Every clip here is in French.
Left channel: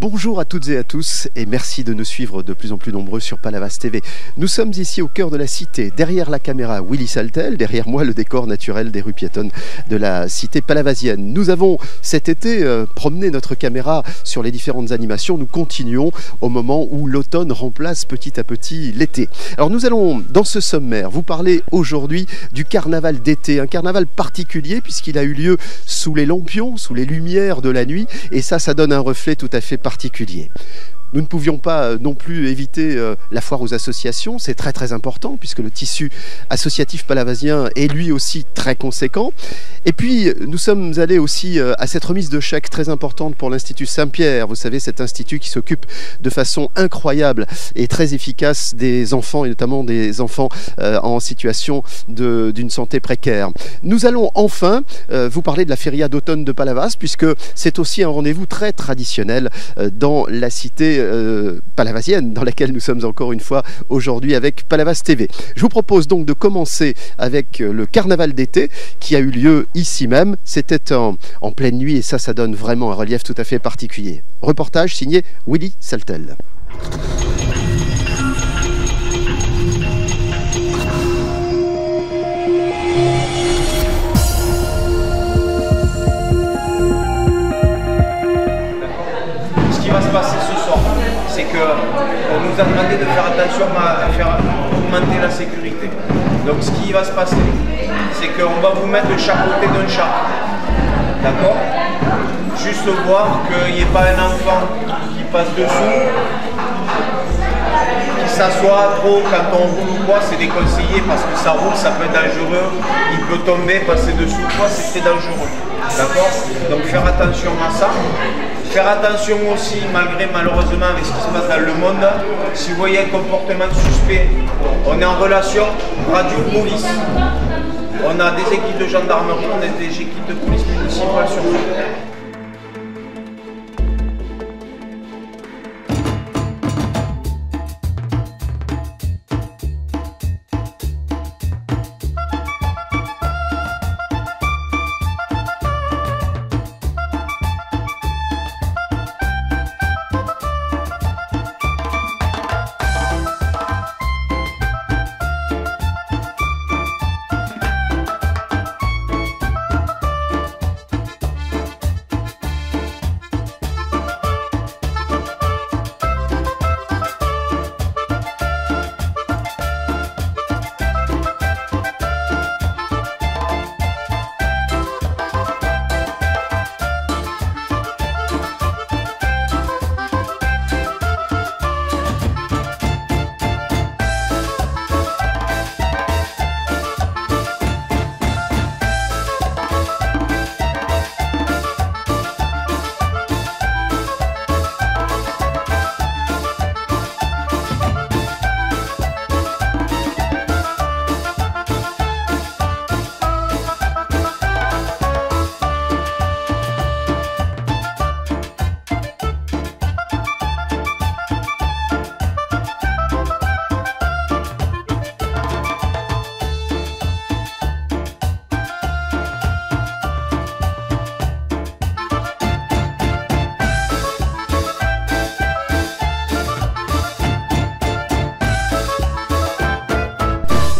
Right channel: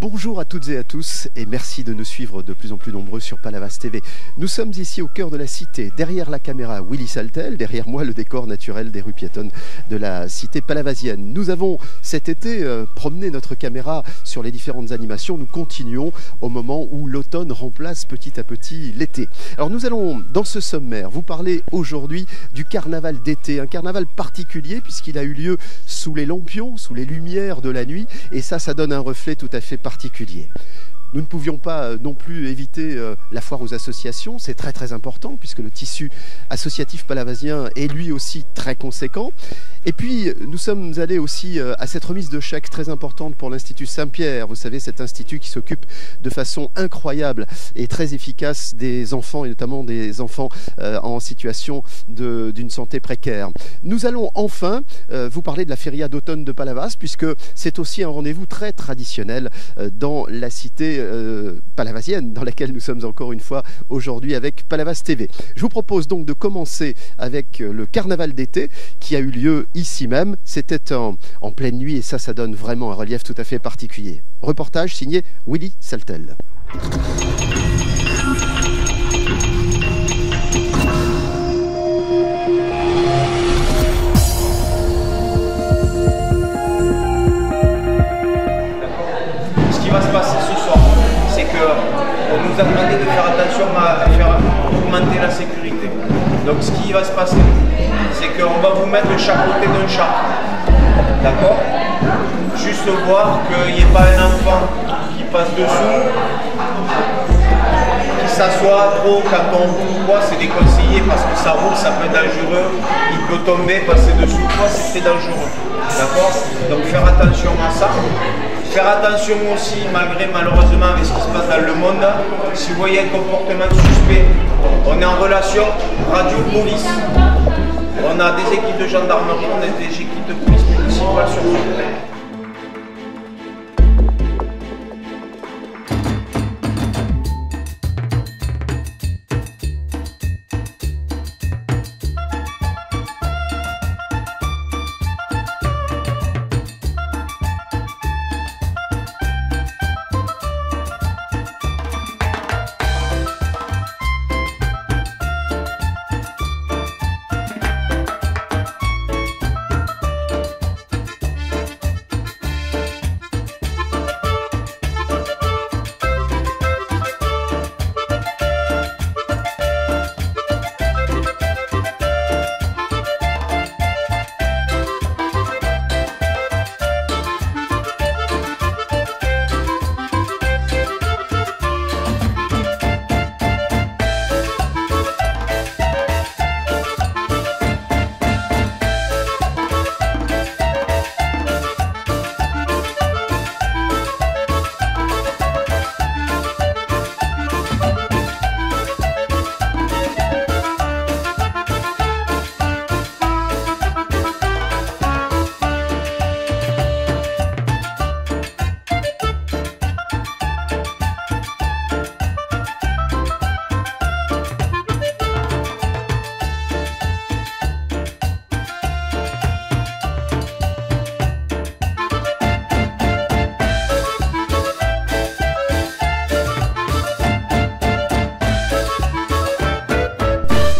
Bonjour à toutes et à tous et merci de nous suivre de plus en plus nombreux sur Palavas TV. Nous sommes ici au cœur de la cité, derrière la caméra Willy Saltel, derrière moi le décor naturel des rues piétonnes de la cité palavasienne. Nous avons cet été promené notre caméra sur les différentes animations. Nous continuons au moment où l'automne remplace petit à petit l'été. Alors nous allons dans ce sommaire vous parler aujourd'hui du carnaval d'été, un carnaval particulier puisqu'il a eu lieu sous les lampions, sous les lumières de la nuit et ça donne un reflet tout à fait particulier. Nous ne pouvions pas non plus éviter la foire aux associations, c'est très important puisque le tissu associatif palavasien est lui aussi très conséquent. Et puis nous sommes allés aussi à cette remise de chèques très importante pour l'Institut Saint-Pierre, vous savez cet institut qui s'occupe de façon incroyable et très efficace des enfants et notamment des enfants en situation d'une santé précaire. Nous allons enfin vous parler de la feria d'automne de Palavas puisque c'est aussi un rendez-vous très traditionnel dans la cité palavasienne dans laquelle nous sommes encore une fois aujourd'hui avec Palavas TV. Je vous propose donc de commencer avec le carnaval d'été qui a eu lieu ici même. C'était en pleine nuit et ça donne vraiment un relief tout à fait particulier. Reportage signé Willy Saltel. Ce qui va se passer ce soir, c'est qu'on nous a demandé de faire attention à faire augmenter la sécurité. Donc ce qui va se passer, c'est qu'on va vous mettre de chaque côté d'un char. D'accord? Juste voir qu'il n'y ait pas un enfant qui passe dessous, qui s'assoit trop quand on roule ou quoi, c'est déconseillé parce que ça roule, ça peut être dangereux, il peut tomber, passer dessous quoi, c'est dangereux. D'accord? Donc faire attention à ça. Faire attention aussi, malheureusement avec ce qui se passe dans le monde, si vous voyez un comportement suspect, on est en relation radio-police. On a des équipes de gendarmerie, on a des équipes de police municipale sur place.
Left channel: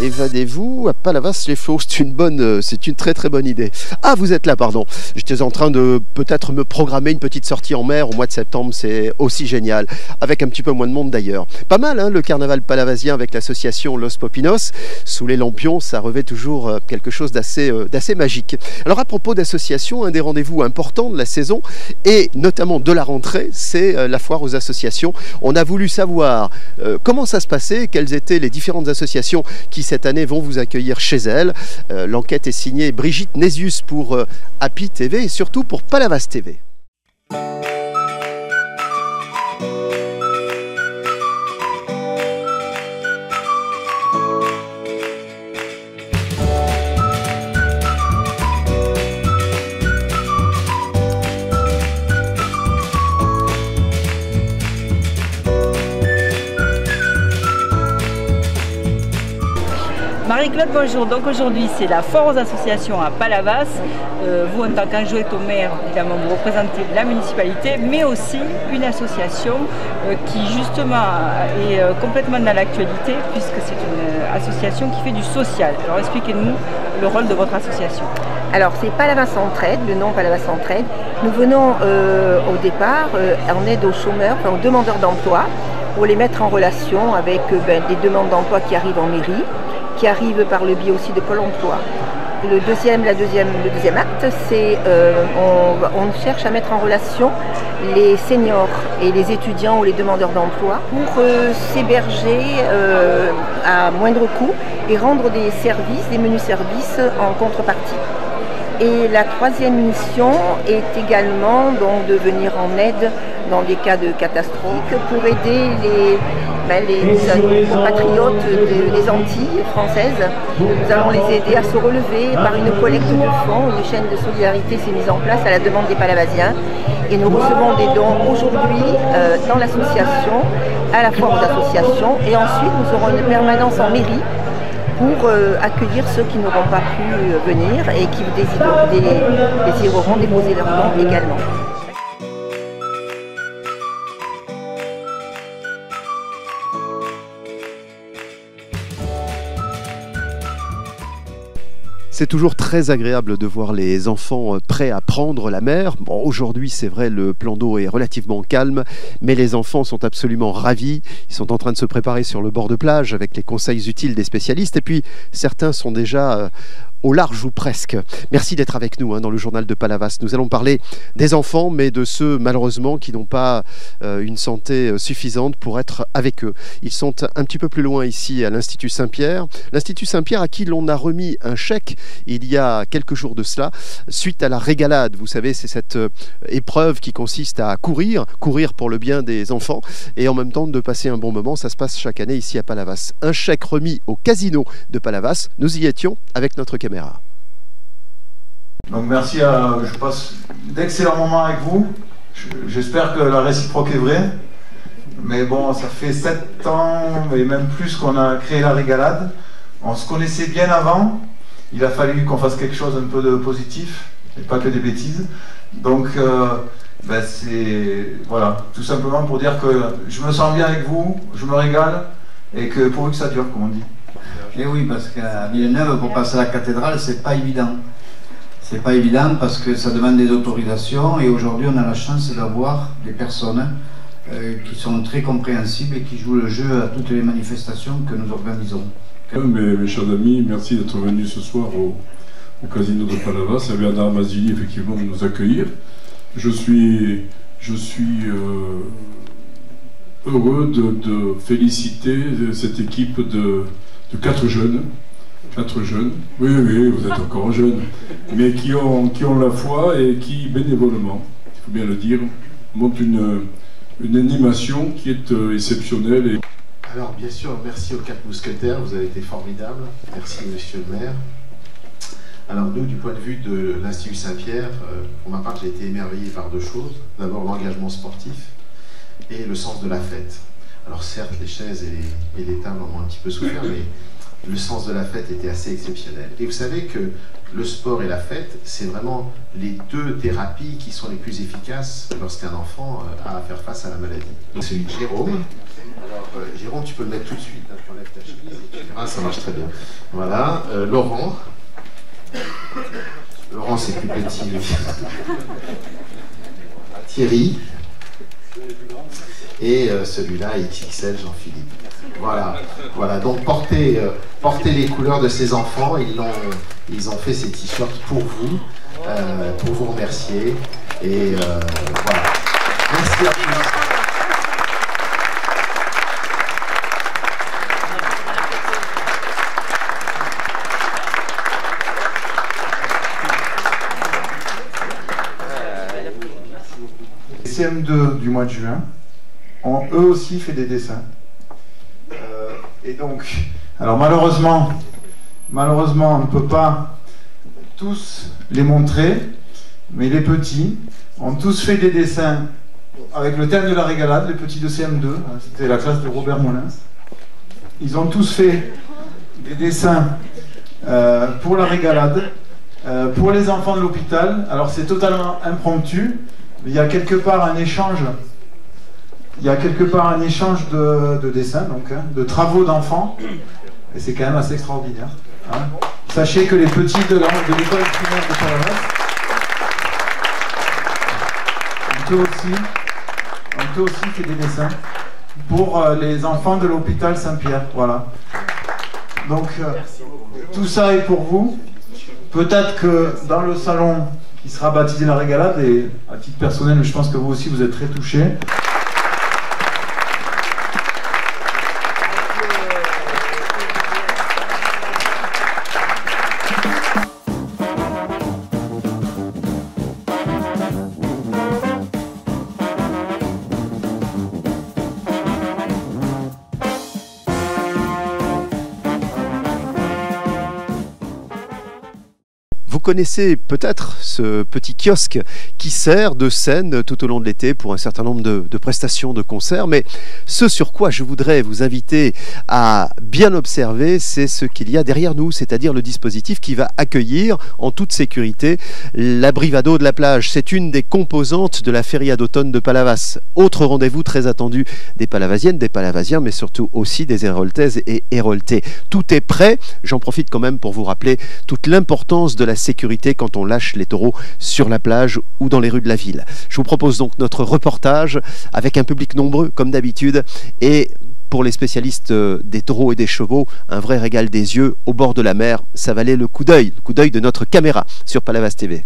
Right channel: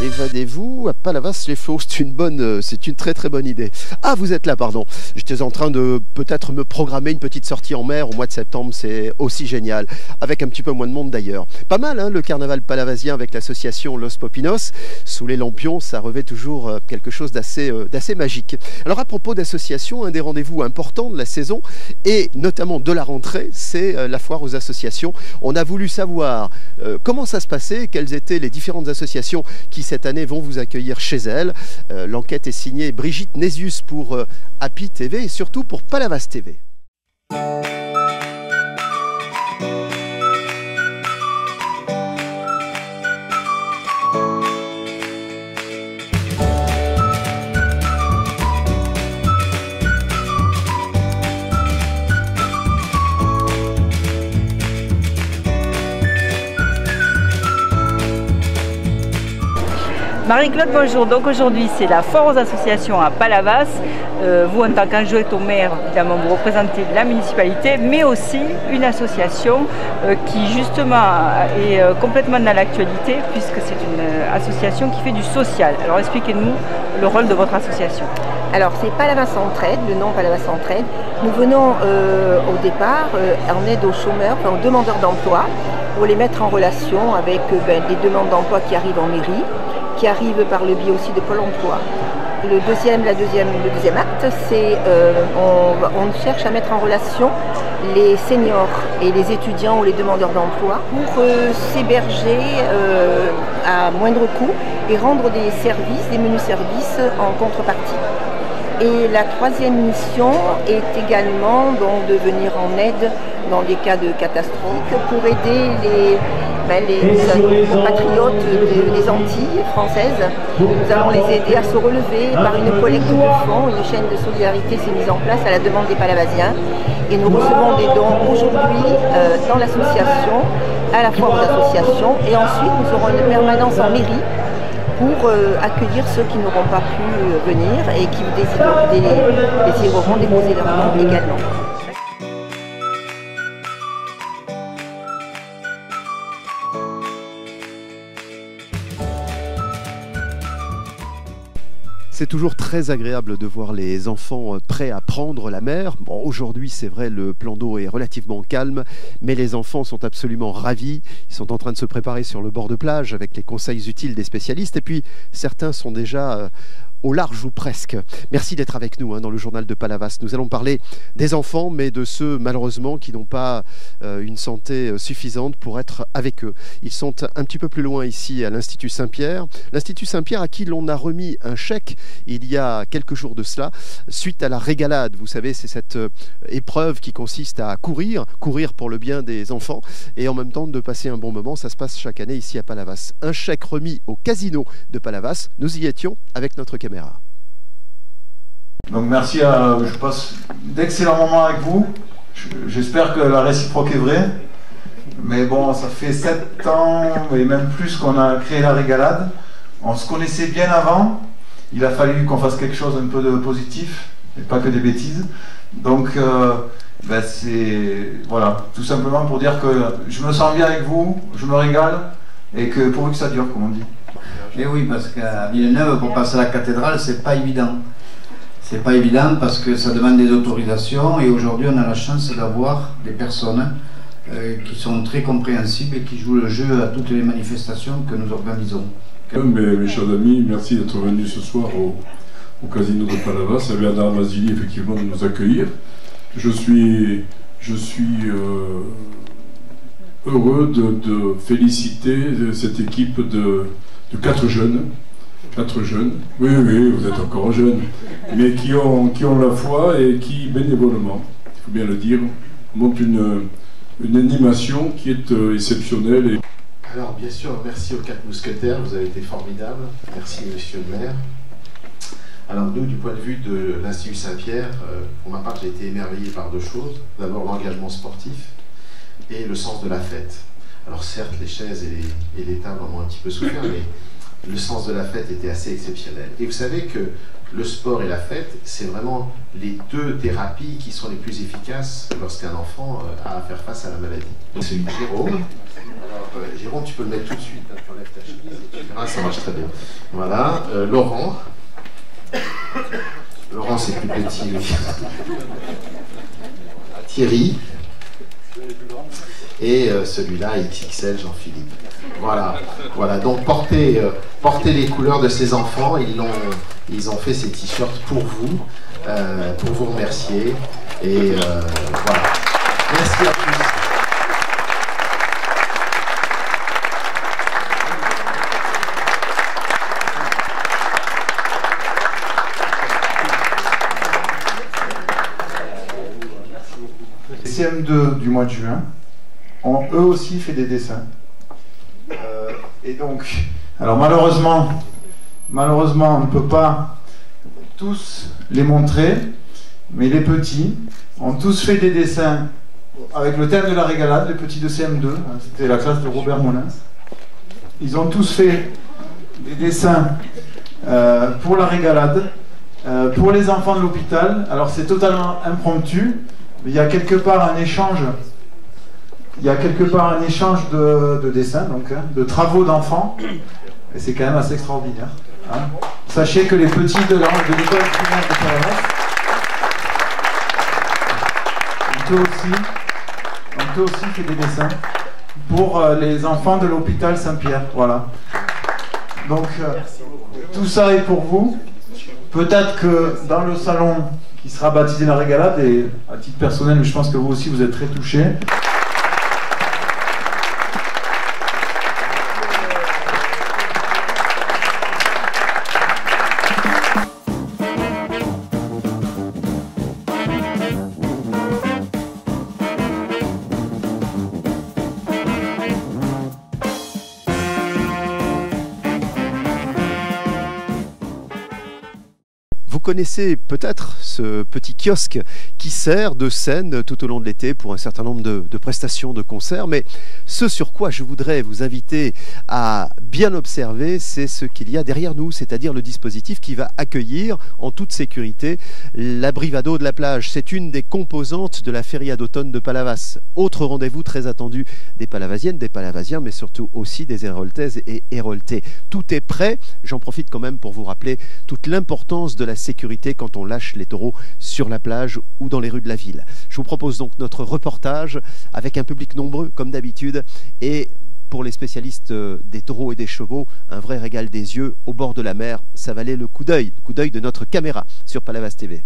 Évadez-vous à Palavas-les-Flots, c'est une très bonne idée. Ah, vous êtes là, pardon. J'étais en train de peut-être me programmer une petite sortie en mer au mois de septembre, c'est aussi génial, avec un petit peu moins de monde d'ailleurs. Pas mal, hein, le carnaval palavasien avec l'association Los Popinos. Sous les lampions, ça revêt toujours quelque chose d'assez magique. Alors à propos d'associations, un des rendez-vous importants de la saison, et notamment de la rentrée, c'est la foire aux associations. On a voulu savoir comment ça se passait, quelles étaient les différentes associations qui cette année vont vous accueillir chez elles. L'enquête est signée Brigitte Nésius pour Happy TV et surtout pour Palavas TV. Marie-Claude, bonjour. Donc aujourd'hui, c'est la foire aux associations à Palavas. Vous, en tant qu'adjointe au maire, évidemment, vous représentez la municipalité, mais aussi une association qui, justement, est complètement dans l'actualité, puisque c'est une association qui fait du social. Alors expliquez-nous le rôle de votre association. Alors c'est Palavas Entraide, le nom Palavas Entraide. Nous venons au départ en aide aux chômeurs, enfin, aux demandeurs d'emploi, pour les mettre en relation avec des demandes d'emploi qui arrivent en mairie, qui arrivent par le biais aussi de Pôle emploi. Le deuxième acte, c'est on cherche à mettre en relation les seniors et les étudiants ou les demandeurs d'emploi pour s'héberger à moindre coût et rendre des services, des menus services en contrepartie. Et la troisième mission est également donc, de venir en aide dans des cas de catastrophe pour aider les compatriotes des Antilles françaises. Nous allons les aider à se relever par une collecte de fonds. Une chaîne de solidarité s'est mise en place à la demande des Palavasiens. Et nous recevons des dons aujourd'hui dans l'association, à la foire aux associations. Et ensuite, nous aurons une permanence en mairie pour accueillir ceux qui n'auront pas pu venir et qui désireront déposer leurs dons également. C'est toujours très agréable de voir les enfants prêts à prendre la mer. Bon, aujourd'hui, c'est vrai, le plan d'eau est relativement calme, mais les enfants sont absolument ravis. Ils sont en train de se préparer sur le bord de plage avec les conseils utiles des spécialistes. Et puis, certains sont déjà au large ou presque. Merci d'être avec nous dans le journal de Palavas. Nous allons parler des enfants, mais de ceux malheureusement qui n'ont pas une santé suffisante pour être avec eux. Ils sont un petit peu plus loin ici à l'Institut Saint-Pierre. L'Institut Saint-Pierre à qui l'on a remis un chèque il y a quelques jours de cela, suite à la régalade. Vous savez, c'est cette épreuve qui consiste à courir pour le bien des enfants et en même temps de passer un bon moment. Ça se passe chaque année ici à Palavas. Un chèque remis au casino de Palavas. Nous y étions avec notre caméra. Donc merci, je passe d'excellents moments avec vous. J'espère que la réciproque est vraie. Mais bon, ça fait 7 ans et même plus qu'on a créé la régalade. On se connaissait bien avant. Il a fallu qu'on fasse quelque chose un peu de positif et pas que des bêtises. Donc c'est voilà, tout simplement pour dire que je me sens bien avec vous, je me régale et que pourvu que ça dure, comme on dit. Et oui, parce qu'à Villeneuve, pour passer à la cathédrale, c'est pas évident. C'est pas évident parce que ça demande des autorisations et aujourd'hui on a la chance d'avoir des personnes qui sont très compréhensibles et qui jouent le jeu à toutes les manifestations que nous organisons. Mes chers amis, merci d'être venus ce soir au casino de Palavas. C'est Bernard Mazzini effectivement de nous accueillir. Je suis heureux de féliciter cette équipe de 4 jeunes. 4 jeunes, oui, vous êtes encore jeunes, mais qui ont la foi et qui, bénévolement, il faut bien le dire, montent une animation qui est exceptionnelle. Et... Alors, bien sûr, merci aux 4 mousquetaires, vous avez été formidables. Merci, monsieur le maire. Alors, nous, du point de vue de l'Institut Saint-Pierre, pour ma part, j'ai été émerveillé par 2 choses. D'abord, l'engagement sportif et le sens de la fête. Alors, certes, les chaises et les tables en ont un petit peu souffert, mais le sens de la fête était assez exceptionnel. Et vous savez que le sport et la fête, c'est vraiment les 2 thérapies qui sont les plus efficaces lorsqu'un enfant a à faire face à la maladie. Donc, c'est Jérôme. Alors, Jérôme, tu peux le mettre tout de suite. Hein, tu enlèves ta chemise et tu verras, ça marche très bien. Voilà. Laurent. Laurent, c'est plus petit. Thierry. Et celui-là, XXL, Jean-Philippe. Voilà. Donc portez les couleurs de ces enfants. Ils ont fait ces t-shirts pour vous remercier. Et voilà. Merci à tous. Les CM2 du mois de juin ont eux aussi fait des dessins. Et donc, alors malheureusement, on ne peut pas tous les montrer, mais les petits ont tous fait des dessins avec le thème de la régalade, les petits de CM2, c'était la classe de Robert Molins. Ils ont tous fait des dessins pour la régalade, pour les enfants de l'hôpital. Alors c'est totalement impromptu, il y a quelque part un échange. Il y a quelque part un échange de dessins, donc, hein, de travaux d'enfants, et c'est quand même assez extraordinaire. Hein. Sachez que les petits de l'école primaire de Palavas, on peut aussi faire des dessins pour les enfants de l'hôpital Saint-Pierre. Voilà. Donc, tout ça est pour vous. Peut-être que dans le salon qui sera baptisé la régalade, et à titre personnel, je pense que vous aussi vous êtes très touchés. Vous connaissez peut-être ce petit kiosque qui sert de scène tout au long de l'été pour un certain nombre de prestations de concerts, mais ce sur quoi je voudrais vous inviter à bien observer, c'est ce qu'il y a derrière nous, c'est-à-dire le dispositif qui va accueillir en toute sécurité la Brivado de la plage. C'est une des composantes de la feria d'automne de Palavas. Autre rendez-vous très attendu des Palavasiennes, des Palavasiens, mais surtout aussi des Héroltaises et Héroltais. Tout est prêt, j'en profite quand même pour vous rappeler toute l'importance de la sécurité quand on lâche les taureaux sur la plage ou dans les rues de la ville. Je vous propose donc notre reportage avec un public nombreux comme d'habitude et pour les spécialistes des taureaux et des chevaux, un vrai régal des yeux au bord de la mer. Ça valait le coup d'œil de notre caméra sur Palavas TV.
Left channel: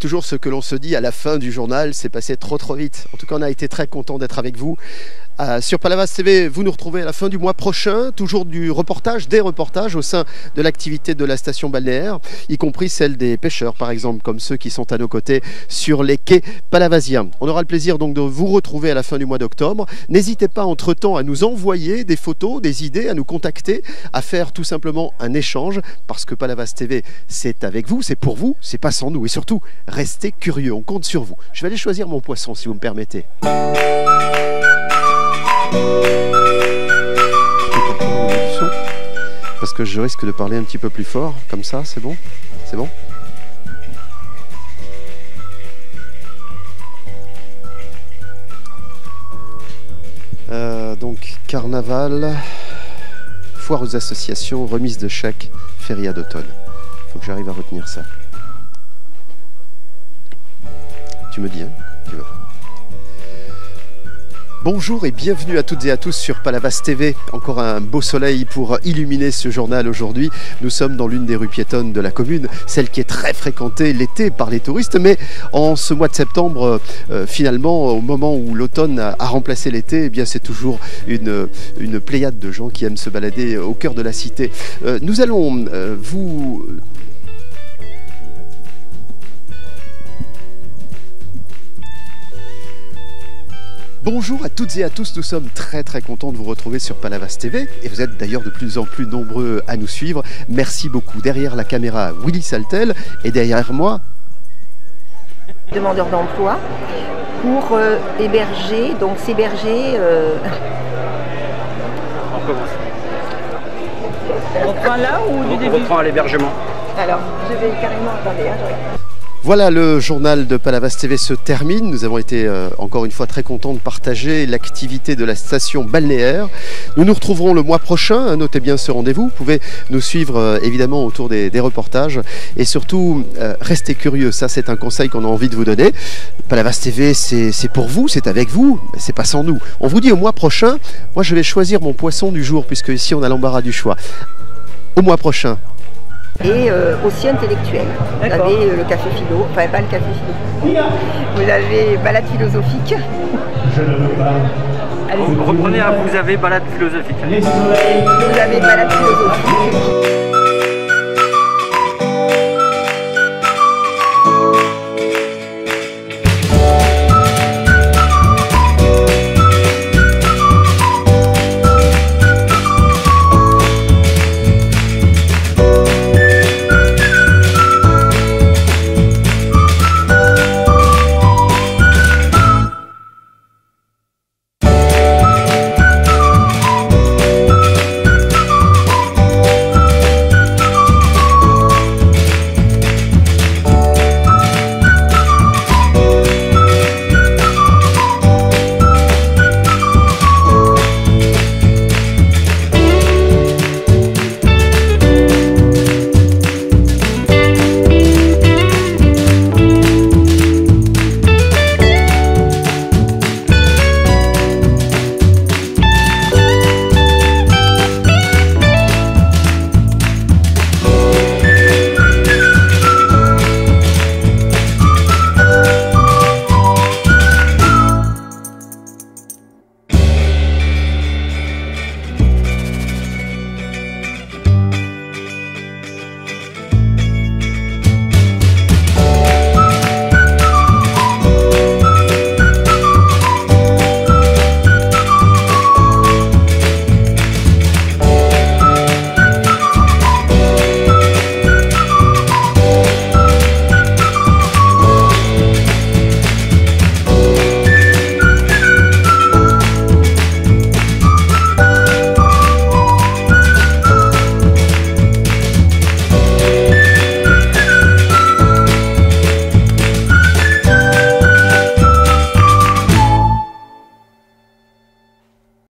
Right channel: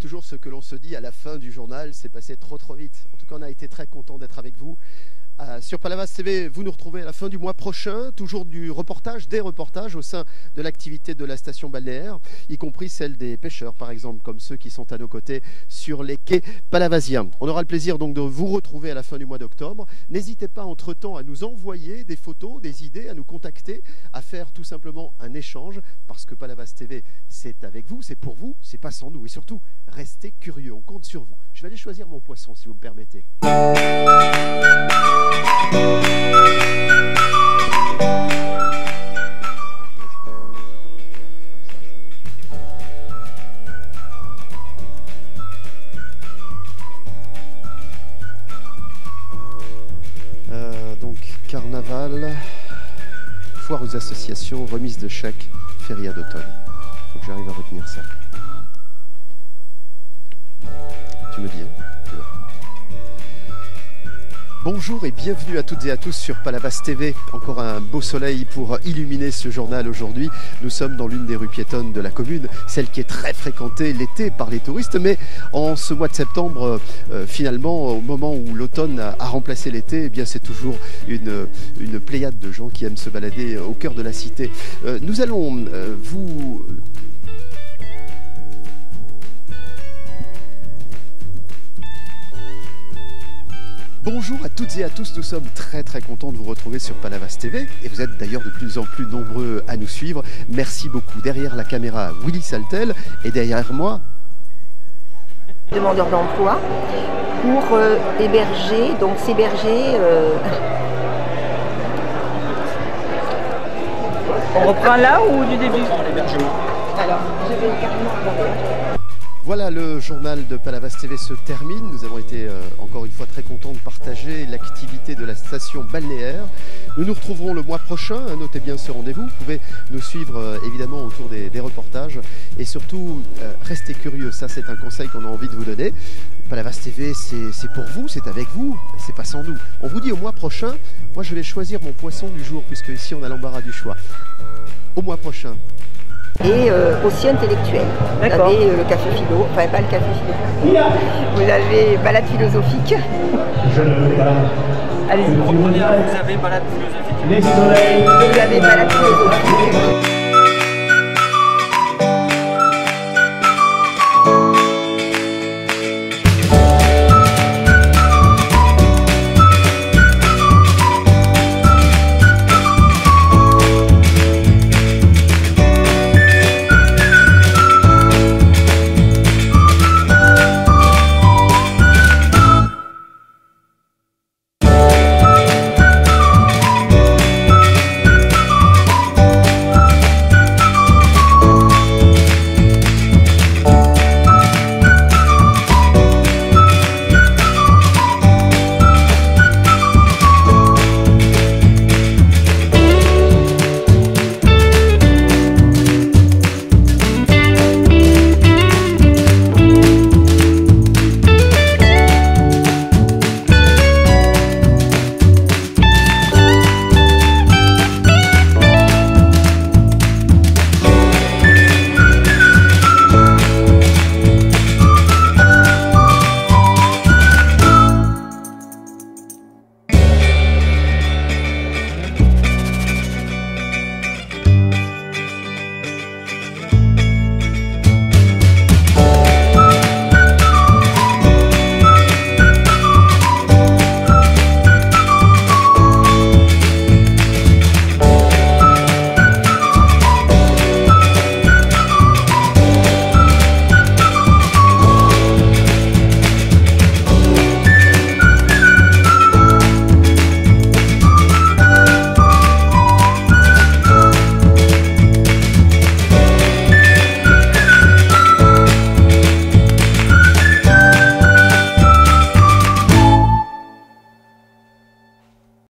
toujours ce que l'on se dit à la fin du journal, c'est passé trop vite. En tout cas, on a été très content d'être avec vous. Sur Palavas TV, vous nous retrouvez à la fin du mois prochain, toujours des reportages au sein de l'activité de la station balnéaire, y compris celle des pêcheurs par exemple, comme ceux qui sont à nos côtés sur les quais palavasiens. On aura le plaisir donc de vous retrouver à la fin du mois d'octobre. N'hésitez pas entre-temps à nous envoyer des photos, des idées, à nous contacter, à faire tout simplement un échange, parce que Palavas TV, c'est avec vous, c'est pour vous, c'est pas sans nous. Et surtout, restez curieux, on compte sur vous. Je vais aller choisir mon poisson si vous me permettez. Parce que je risque de parler un petit peu plus fort, comme ça, c'est bon? C'est bon? Donc, carnaval, foire aux associations, remise de chèques, feria d'automne. Il faut que j'arrive à retenir ça. Tu me dis, hein? Tu veux. Bonjour et bienvenue à toutes et à tous sur Palavas TV. Encore un beau soleil pour illuminer ce journal aujourd'hui. Nous sommes dans l'une des rues piétonnes de la commune, celle qui est très fréquentée l'été par les touristes. Mais en ce mois de septembre, finalement, au moment où l'automne a remplacé l'été, eh bien c'est toujours une pléiade de gens qui aiment se balader au cœur de la cité. Nous allons vous... Bonjour à toutes et à tous, nous sommes très contents de vous retrouver sur Palavas TV et vous êtes d'ailleurs de plus en plus nombreux à nous suivre. Merci beaucoup. Derrière la caméra, Willy Saltel et derrière moi... Demandeurs d'emploi pour héberger, donc s'héberger... On commence. On reprend là ou du début? On reprend à l'hébergement. Alors, je vais carrément... Attendez, hein, je regarde. Voilà, le journal de Palavas TV se termine. Nous avons été encore une fois très contents de partager l'activité de la station balnéaire. Nous nous retrouverons le mois prochain, notez bien ce rendez-vous. Vous pouvez nous suivre évidemment autour des reportages et surtout restez curieux, ça c'est un conseil qu'on a envie de vous donner. Palavas TV c'est pour vous, c'est avec vous, mais c'est pas sans nous. On vous dit au mois prochain, moi je vais choisir mon poisson du jour puisque ici on a l'embarras du choix. Au mois prochain. Et aussi intellectuel. Vous avez le café philo, enfin pas le café philo. Vous avez balade philosophique. Je ne veux pas. Allez, reprenez, vous avez balade philosophique. Vous avez balade philosophique.